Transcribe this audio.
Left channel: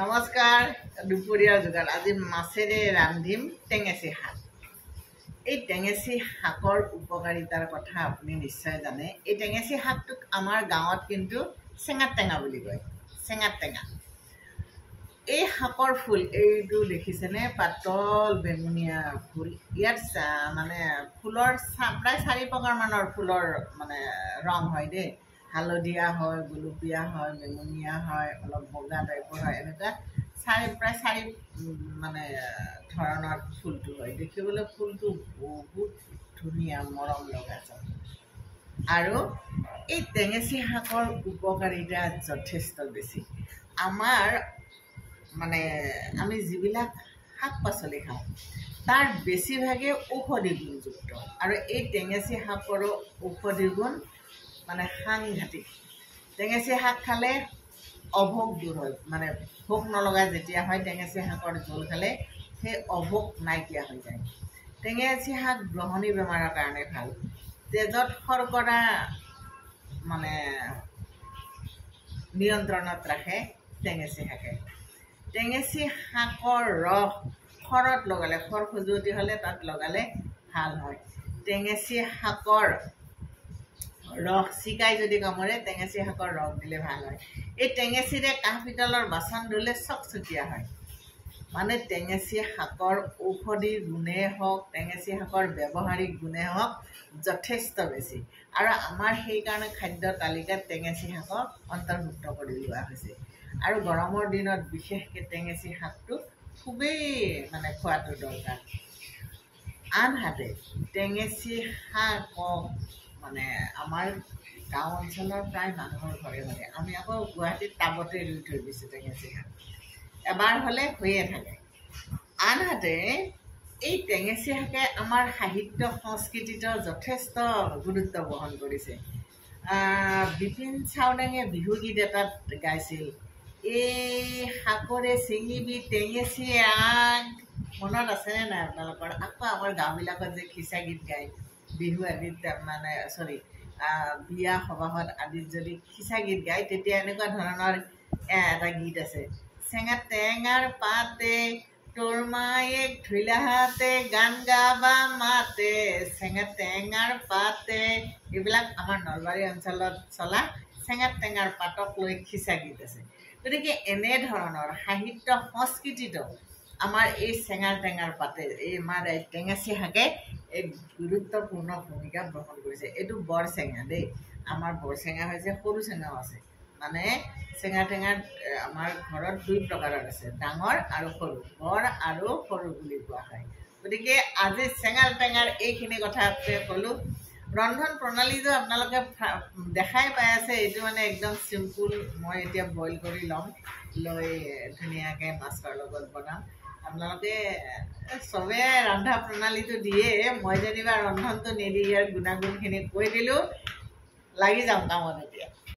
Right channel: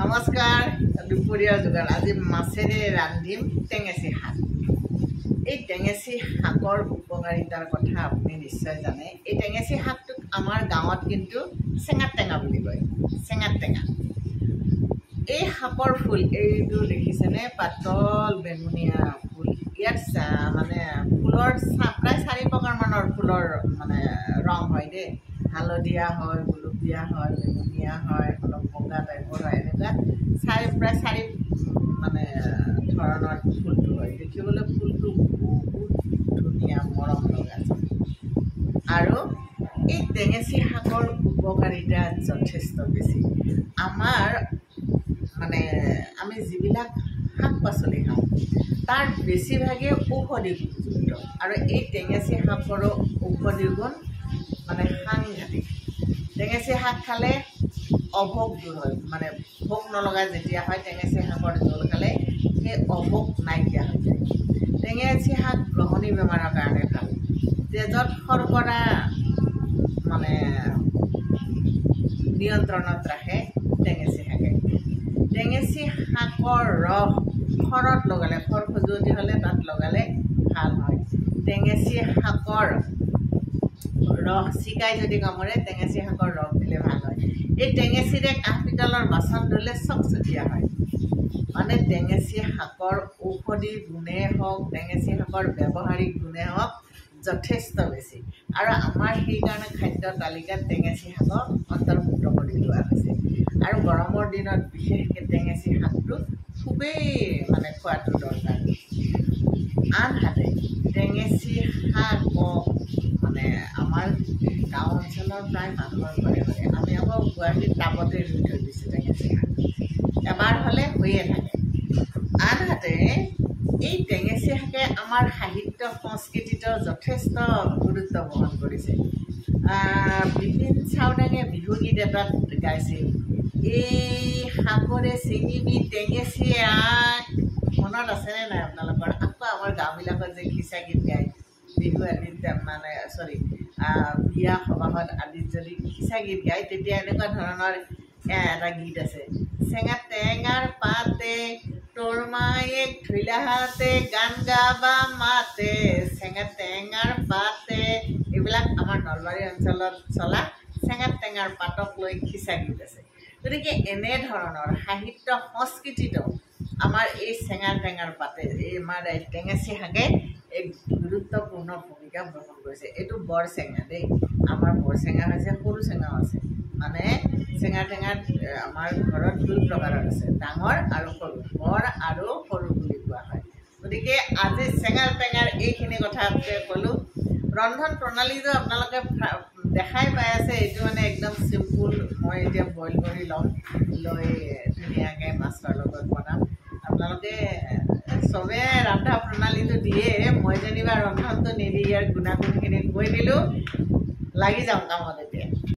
নমস্কাৰ দুপৰীয়াৰ যোগাৰ আজি মাছেৰে ৰান্ধিম টেঙেচি শাক। এই টেঙেচি শাকৰ উপকাৰিতাৰ কথা আপুনি নিশ্চয় জানে। এই টেঙেচি শাকটোক আমাৰ গাঁৱত কিন্তু চেঙাত টেঙা বুলি কয়। চেঙাত টেঙা এই শাকৰ ফুল এইটো দেখিছেনে? পাতল বেঙুনীয়া ফুল। ইয়াত মানে ফুলৰ প্ৰায় 4 প্ৰকাৰমানৰ ফুলৰ মানে ৰং হয় দেই। হালধীয়া হয়, গুলপীয়া হয়, বেঙুনীয়া হয়, অলপ বগা টাইপৰ হয়। এনেকুৱা প্ৰায় 4 মানে ধৰণৰ ফুলটো হয়। দেখিবলৈ ফুলটো বহুত ধুনীয়া, মৰম লগা। আৰু এই টেঙেচি শাকৰ উপকাৰিতা যথেষ্ট বেছি। আমাৰ মানে আমি যিবিলাক শাক পাচলি খাওঁ তাৰ বেছিভাগেই ঔষধি গুণযুক্ত। আৰু এই টেঙেচি শাকৰো ঔষধি গুণ মানে সাংঘাতিক। টেঙেচি শাক খালে অভোগ দূৰ হয়, মানে ভোক নলগা যেতিয়া হয় টেঙেচি শাকৰ জোল খালে সেই অভোগ নাইকিয়া হৈ যায়। টেঙেচি শাক গ্ৰহণী বেমাৰৰ কাৰণে ভাল। তেজত শৰ্কৰা মানে নিয়ন্ত্ৰণত ৰাখে টেঙেচি শাকে। টেঙেচি শাকৰ ৰস খৰত লগালে, খৰ খজুৱতি হ'লে তাত লগালে ভাল হয়। টেঙেচি শাকৰ ৰস চিকাই যদি কামুৰে টেঙেচি শাকৰ ৰস দিলে ভাল হয়। এই টেঙেচিৰে কাঁহ পিতলৰ বাচন ধুলে চকচকীয়া হয়। মানে টেঙেচি শাকৰ ঔষধি গুণে হওক, টেঙেচি শাকৰ ব্যৱহাৰিক গুণে হওক যথেষ্ট বেছি। আৰু আমাৰ সেইকাৰণে খাদ্য তালিকাত টেঙেচি শাকক অন্তৰ্ভুক্ত কৰি লোৱা হৈছে। আৰু গৰমৰ দিনত বিশেষকৈ টেঙেচি শাকটো খুবেই মানে খোৱাটো দৰকাৰ। আনহাতে টেঙেচি শাকক মানে আমাৰ গাঁও অঞ্চলৰ প্ৰায় মানুহৰ ঘৰে ঘৰে, আমি আকৌ গুৱাহাটীত টাবতে ৰুই থৈ দিছোঁ টেঙেচি শাক। এবাৰ হ'লে হৈয়ে থাকে। আনহাতে এই টেঙেচি শাকে আমাৰ সাহিত্য সংস্কৃতিতো যথেষ্ট গুৰুত্ব বহন কৰিছে। বিপিন চাওডাঙে বিহুগীত এটাত গাইছিল, এই শাকৰে ছিঙিবি টেঙেচি আগ। মনত আছেনে নাই আপোনালোকৰ? আকৌ আমাৰ গাঁওবিলাকত যে খিচা গীত গায় বিহু আদিত, মানে বিয়া সবাহত আদিত যদি খিচা গীত গায় তেতিয়া এনেকুৱা ধৰণৰ এটা গীত আছে, চেঙা টেঙাৰ পাতে তোৰ মায়েক ধুইলা হাতে গান গাবা মাতে, চেঙা টেঙাৰ পাতে। এইবিলাক আমাৰ নলবাৰী অঞ্চলত চলা চেঙা টেঙাৰ পাতক লৈ খিচা গীত আছে। গতিকে এনেধৰণৰ সাহিত্য সংস্কৃতিটো আমাৰ এই চেঙা টেঙাৰ পাতে, এই আমাৰ টেঙেচি শাকে এক গুৰুত্বপূৰ্ণ ভূমিকা গ্ৰহণ কৰিছে। এইটো বৰ চেঙা দেই। আমাৰ বৰ চেঙা হৈছে, সৰু চেঙাও আছে। মানে চেঙা টেঙাত আমাৰ ঘৰত 2 প্ৰকাৰৰ আছে, ডাঙৰ আৰু সৰু। বৰ আৰু সৰু বুলি কোৱা হয়। গতিকে আজি চেঙা টেঙাৰ এইখিনি কথাকে ক'লোঁ। ৰন্ধন প্ৰণালীটো আপোনালোকে দেখাই পাই আছে। এইটো মানে একদম চিম্পুল। মই এতিয়া বইল কৰি ল'ম, লৈ ধুনীয়াকৈ মাছৰ লগত বনাম। আপোনালোকে চবে ৰন্ধা প্ৰণালীটো দিয়ে, মই যেনিবা ৰন্ধনটো নিদি ইয়াৰ গুণাগুণখিনি কৈ দিলোঁ। লাগি যাওঁ কামত এতিয়া।